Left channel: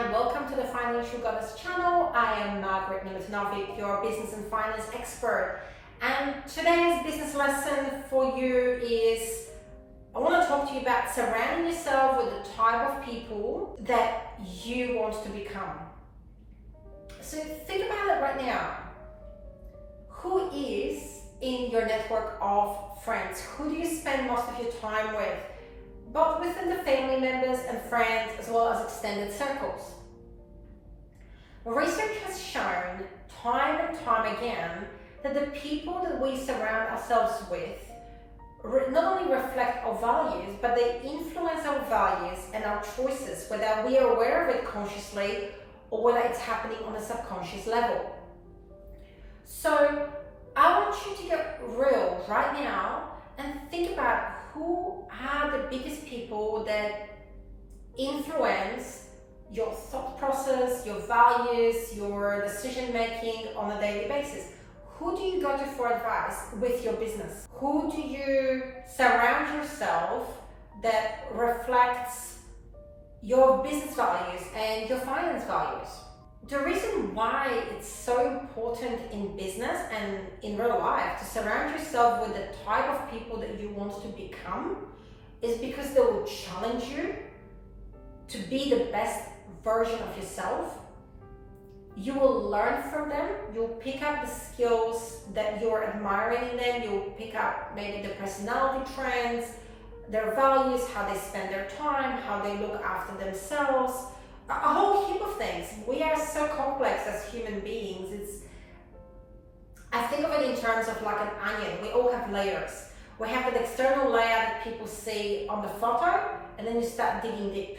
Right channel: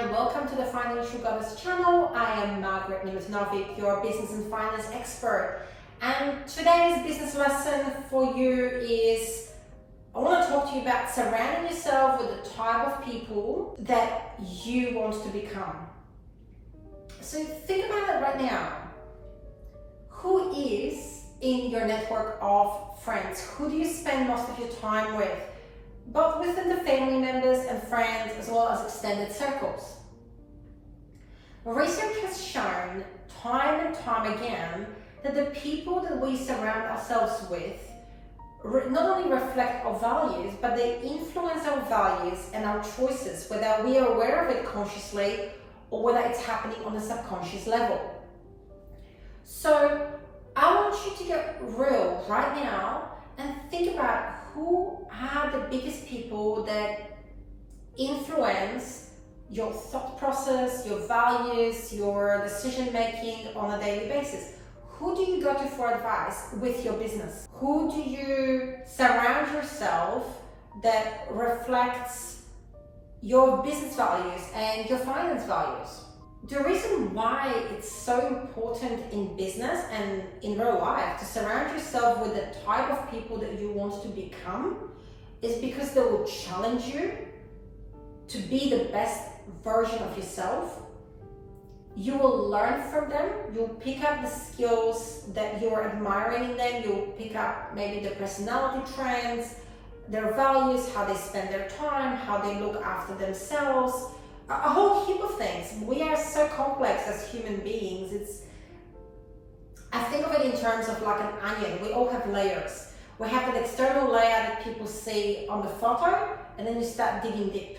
and welcome to the Financial Goddess channel. I am Margaret Novik, your business and finance expert. And today's business lesson for you is, I want to talk to you about surrounding yourself with the type of people that you want to become. So think about it right now. Who is in your network of friends? Who do you spend most of your time with? Both within the family members and friends, as well as extended circles. Research has shown time and time again that the people that we surround ourselves with not only reflect our values, but they influence our values and our choices, whether we are aware of it consciously or whether it's happening on a subconscious level. So I want you to get real right now and think about who are the biggest people that influence your thought process, your values, your decision making on a daily basis. Who do you go to for advice with your business? Who do you surround yourself that reflects your business values and your finance values? The reason why it's so important in business and in real life to surround yourself with the type of people that you want to become is because they will challenge you to be the best version of yourself. You will learn from them. You'll pick up the skills that you're admiring in them. You'll pick up maybe the personality trends, their values, how they spend their time, how they look after themselves. A whole heap of things. We are so complex as human beings. I think of it in terms of like an onion. We all have layers. We have that external layer that people see on the photo, and then you start digging deep.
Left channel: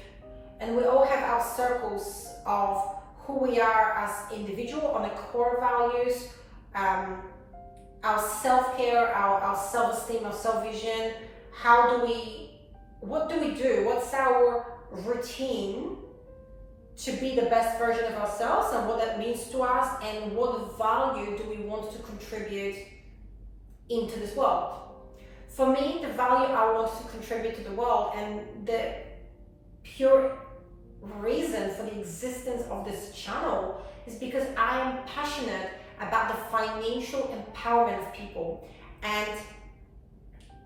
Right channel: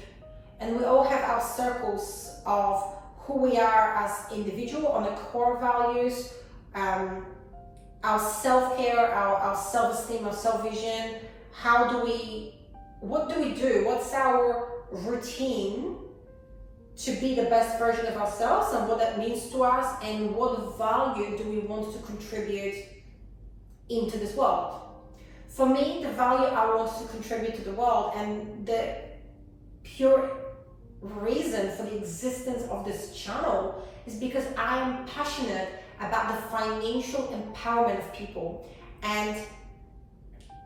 And we all have our circles of who we are as individual on the core values, our self-care, our self-esteem, our self-vision. What do we do? What's our routine to be the best version of ourselves and what that means to us, and what value do we want to contribute into this world? For me, the value I want to contribute to the world and the pure reason for the existence of this channel is because I am passionate about the financial empowerment of people and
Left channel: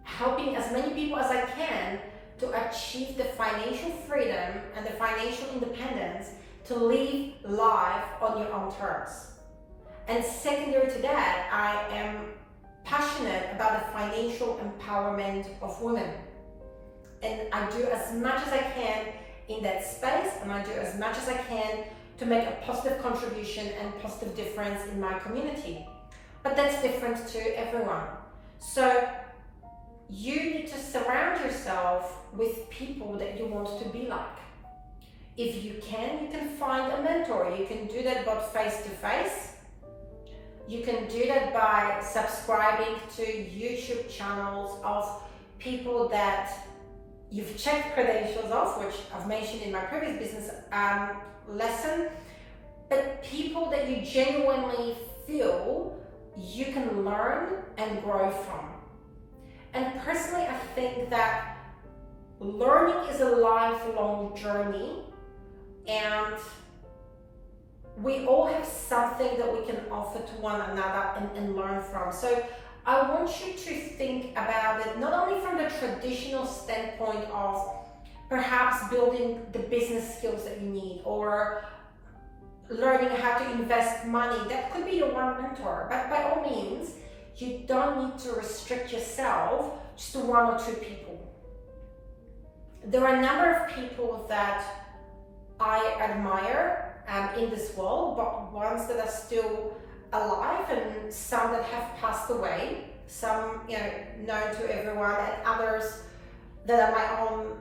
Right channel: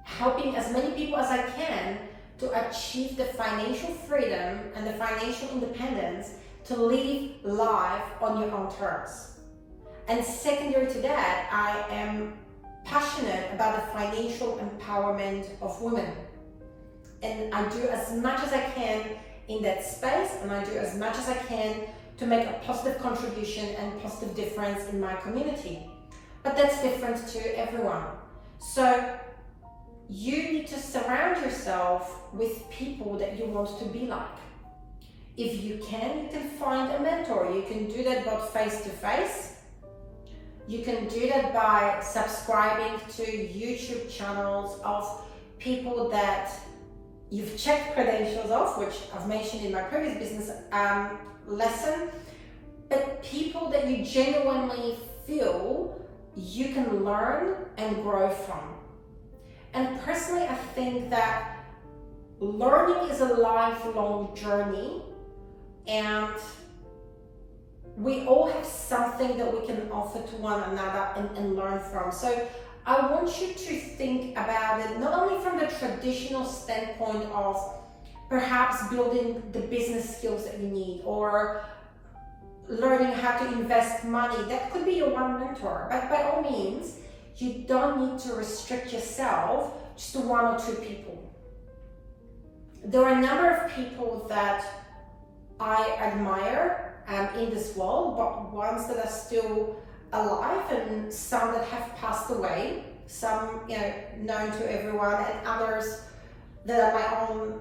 helping as many people as I can to achieve the financial freedom and the financial independence to live life on your own terms. And secondary to that, I am passionate about the financial empowerment of women. And I do as much as I can in that space, and I do as much as I can to make a positive contribution and positive difference in my community. But that's different to everyone. So you need to surround yourself with people that you want to be like. If you can find a mentor. You can do that both face to face. You can do that by subscribing to YouTube channels of people that you've checked credentials of, which I've mentioned in my previous business lesson, but people that you genuinely feel you can learn and grow from. And personally, I think that learning is a lifelong journey, and we all have something that we can offer to one another and learn from. So I want you to think about it not only from the traditional standpoint of perhaps building the business skills that you need or learning how to invest money. That could be your one mentor, but by all means, you don't need to restrict yourself just to one or two people. There are a number of people that I admire in this world, but ones that are still alive and some that have passed away, some known to everyone, and others that are my own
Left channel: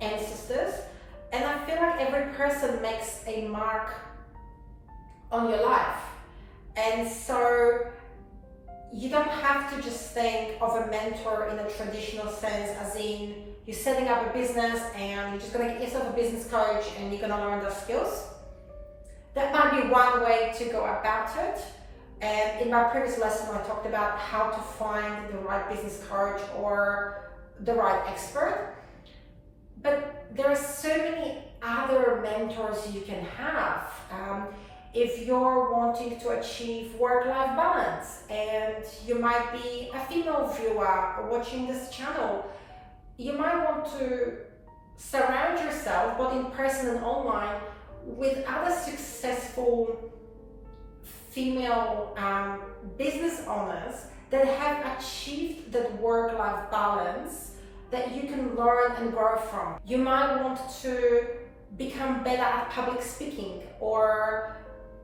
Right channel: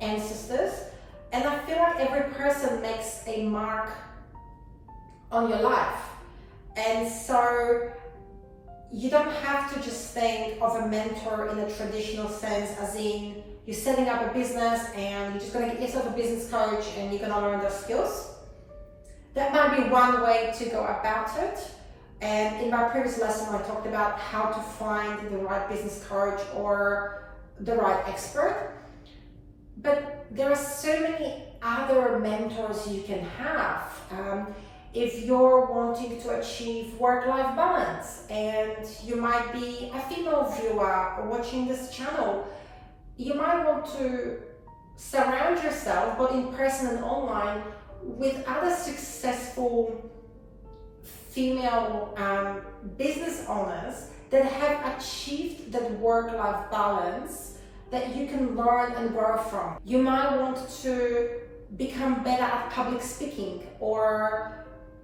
ancestors. And I feel like every person makes a mark on your life. And so you don't have to just think of a mentor in a traditional sense, as in you're setting up a business and you're just going to get yourself a business coach and you're going to learn those skills. That might be one way to go about it. And in my previous lesson, I talked about how to find the right business coach or the right expert. But there are so many other mentors you can have. If you're wanting to achieve work-life balance and you might be a female viewer watching this channel, you might want to surround yourself, both in person and online, with other successful female business owners that have achieved that work-life balance that you can learn and grow from. You might want to become better at public speaking, or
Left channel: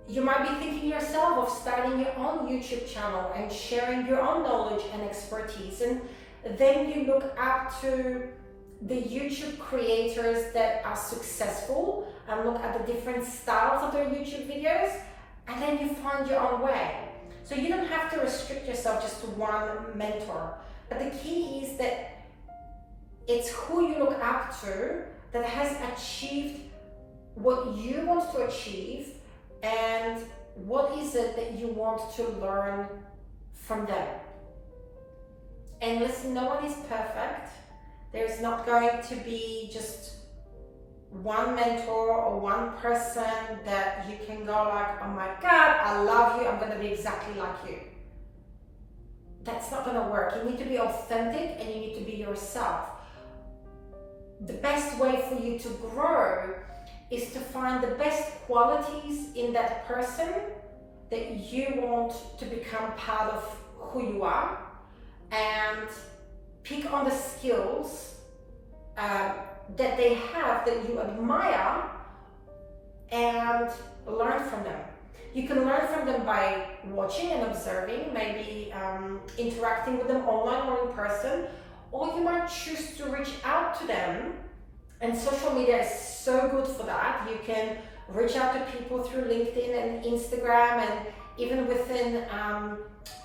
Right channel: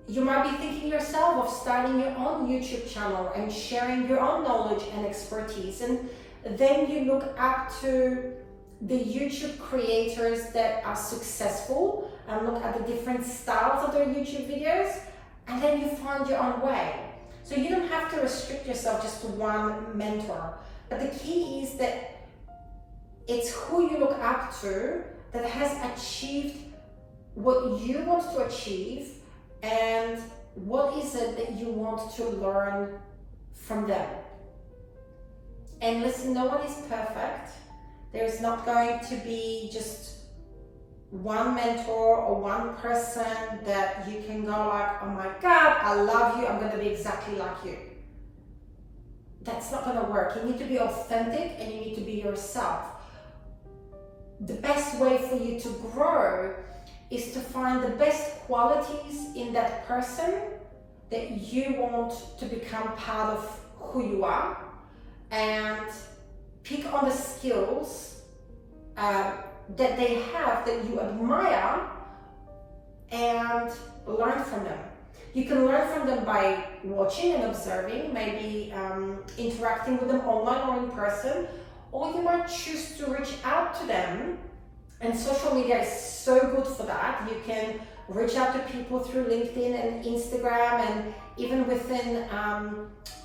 you might be thinking yourself of starting your own YouTube channel and sharing your own knowledge and expertise. And then you look up to the YouTube creators that are successful and look at the different styles of their YouTube videos, and then you find your own way. So you don't have to restrict yourself just to one mentor. But the key is that it's who you look up to that has achieved what you want to achieve, and what is it that you want to learn from them. And listen, no one is perfect. There's not going to be just one mentor or one person that you can go like, oh my God, I love you, I'm going to be exactly like you. That's not going to work. You need to be authentic and you need to be yourself. The best way for you to grow is to find the best qualities in that person that you want to become part of who you are, and pick on the skills that they have that you admire and learn from them. You can learn from them by watching and observing, maybe interacting with them online or in person, or you might choose to reach out to them. And social media is so good for that. You can reach out to people through LinkedIn and Instagram, and even within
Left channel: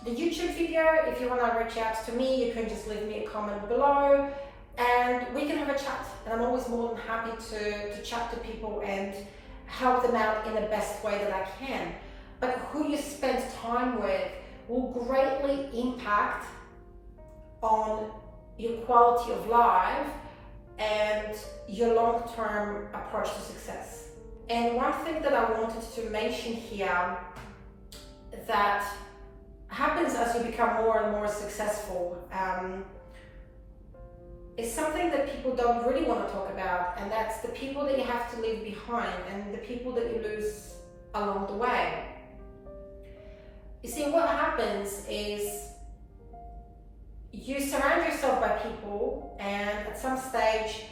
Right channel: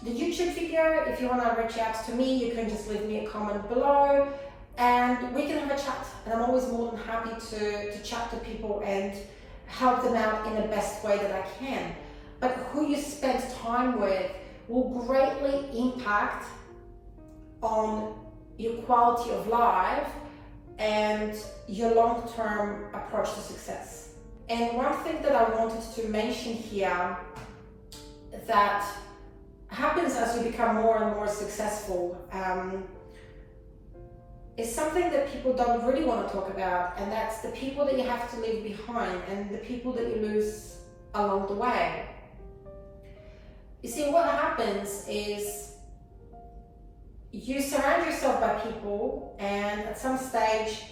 the YouTube video. If you want to reach out to me, you can just leave me a comment below and we can have a chat. And I'm always more than happy to chat to people and help them out in the best way that I can. But who you spend time with will greatly impact on your quality of life and your long-term approach to success. And one thing that I wanted to mention here that happens as you become more and more successful is something that people don't really want to talk about, and that's the people that you have to leave behind and the people that you lose along the way. You see, what happens is you surround yourself by people, and at some stage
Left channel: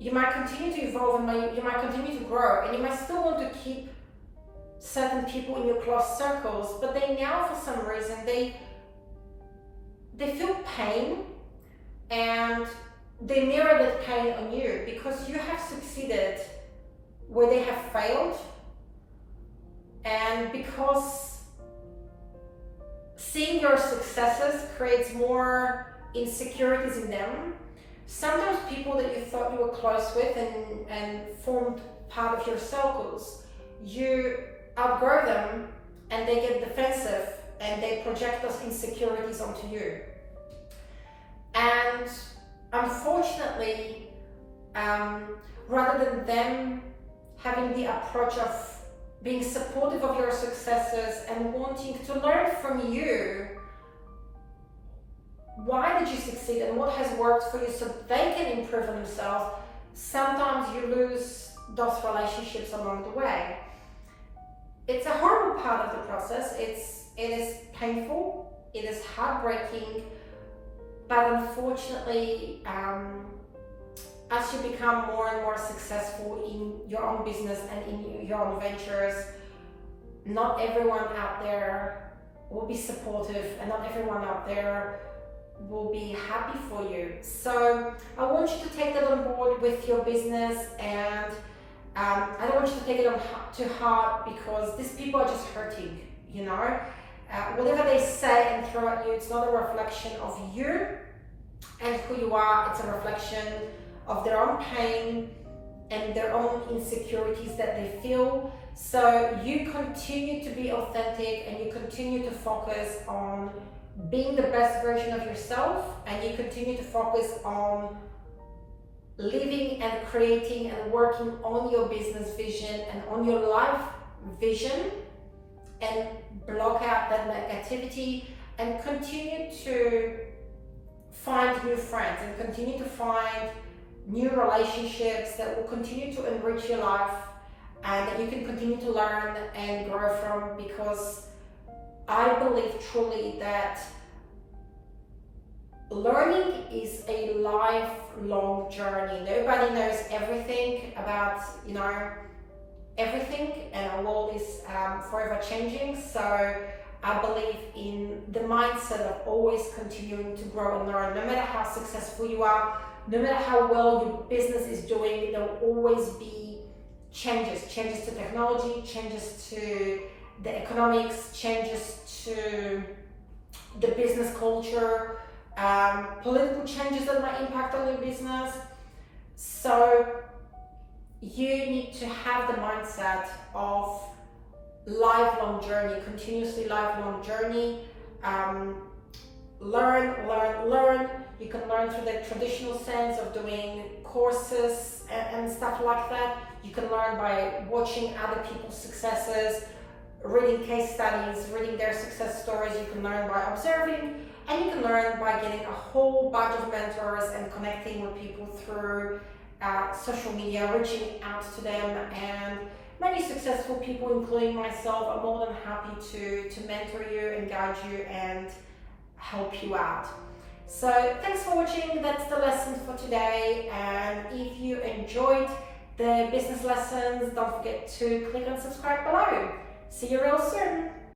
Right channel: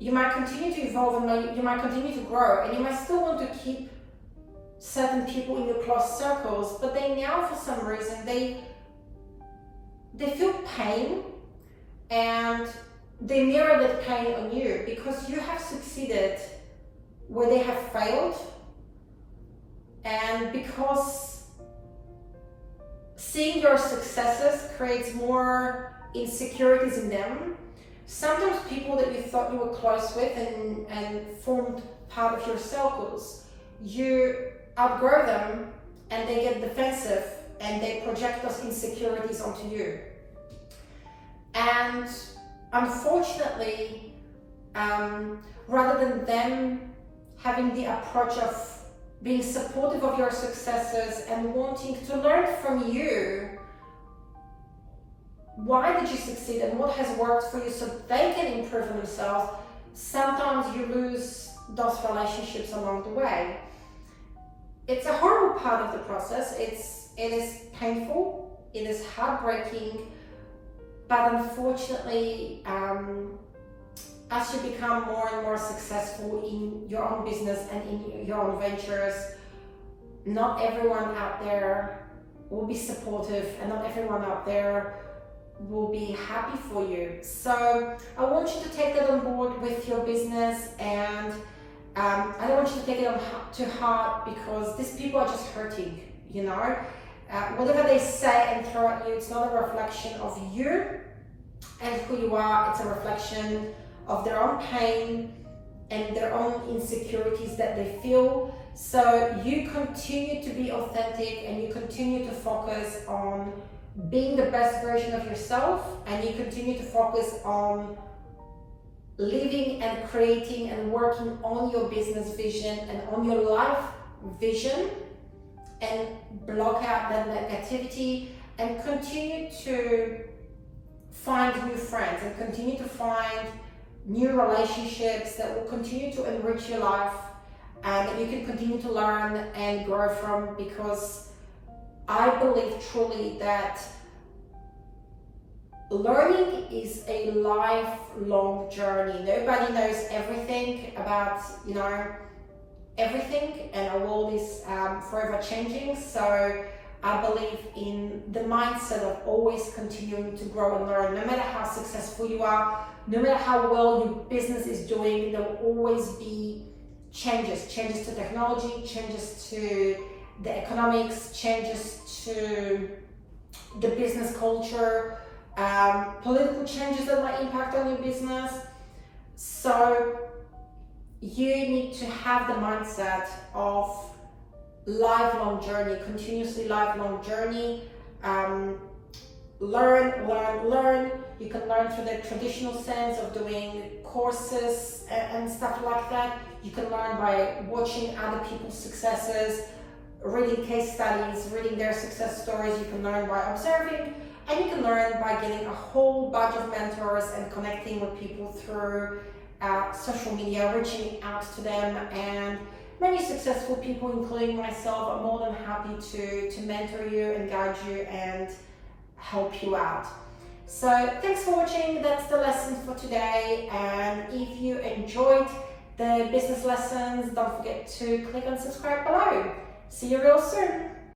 you might continue to evolve and you might continue to grow, and you might still want to keep certain people in your close circles, but they now, for some reason, they feel pain and they mirror that pain on you because you have succeeded where they have failed, and because seeing your successes creates more insecurities in them. Sometimes people that you thought you were close with and formed part of your circles, you outgrow them and they get defensive and they project those insecurities onto you. And unfortunately, rather than them having the approach of being supportive of your successes and wanting to learn from you, why did you succeed and what has worked for you so they can improve on themselves, sometimes you lose those relationships along the way. It's a horrible part of the process. It is painful, it is heartbreaking, but unfortunately, as you become more and more successful in your own business and in your own ventures, not everyone out there will be supportive and not everyone out there will be happy for you. So I want you to take that on board with your business, and I don't want you to take it on to heart, because these people are just hurting, you know. Whatever they say and throw at you, it's not a reflection of you and who you are. It's a reflection of their own pain and their own insecurities that they feel. So you continue to be authentic and you continue to focus on being the best version of yourself, and you continue to focus on living and creating and working on your business vision and on your life vision, and block out that negativity and continue to find new friends and continue to find new relationships that will continue to enrich your life and that you can continue to learn and grow from, because I believe truly that learning is a lifelong journey. Nobody knows everything about, everything, and our world is forever changing. So I believe in the mindset of always continuing to grow and learn. No matter how successful you are, no matter how well your business is doing, there will always be changes to technology, changes to the economics, changes to the business culture, political changes that might impact on your business. So you need to have the mindset of lifelong journey, continuously lifelong journey. Learn. You can learn through the traditional sense of doing courses and stuff like that. You can learn by watching other people's successes, reading case studies, reading their success stories. You can learn by observing, and you can learn by getting a whole bunch of mentors and connecting with people through social media, reaching out to them. And many successful people, including myself, are more than happy to mentor you and guide you and help you out. So thanks for watching. That's the lesson for today. And if you enjoyed the business lessons, don't forget to click on subscribe below. See you real soon.